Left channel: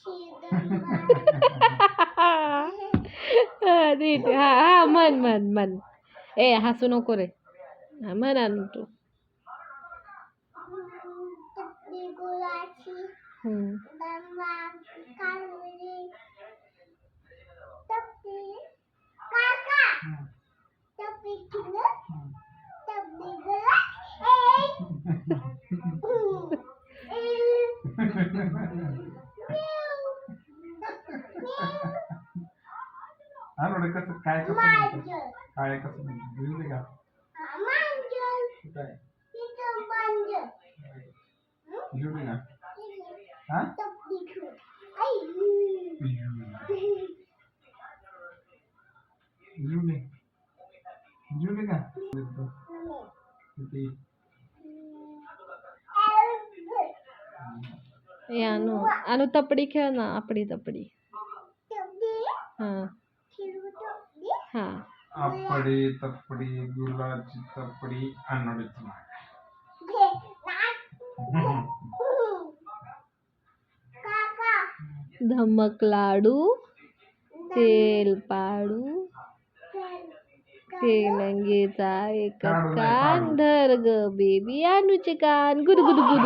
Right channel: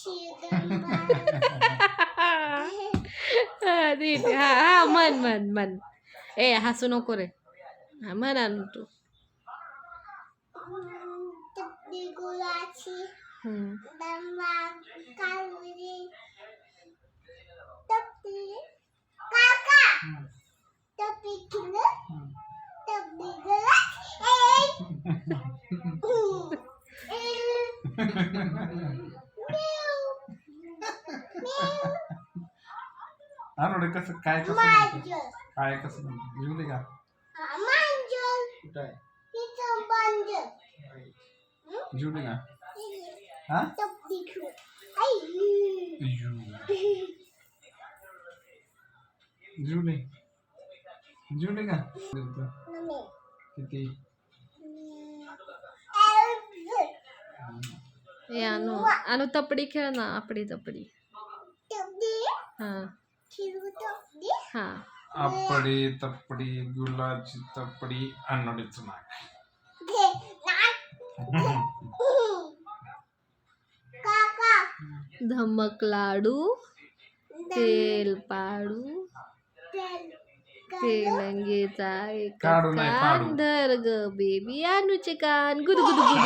હા હા મન મન મન એ હાસુ ન કરે હા મનાનું તું Mm-hmm. anu udah kasih kayak kasih manjun kayak kasih ah, ya itu hmm? iya. iya. Ya, no. Anu, anu tapri kaya apri tapri. हां तपडी धमक लाडू तेल पाडू तेलंगेचा एक कान बेबी अनुचे कान गुद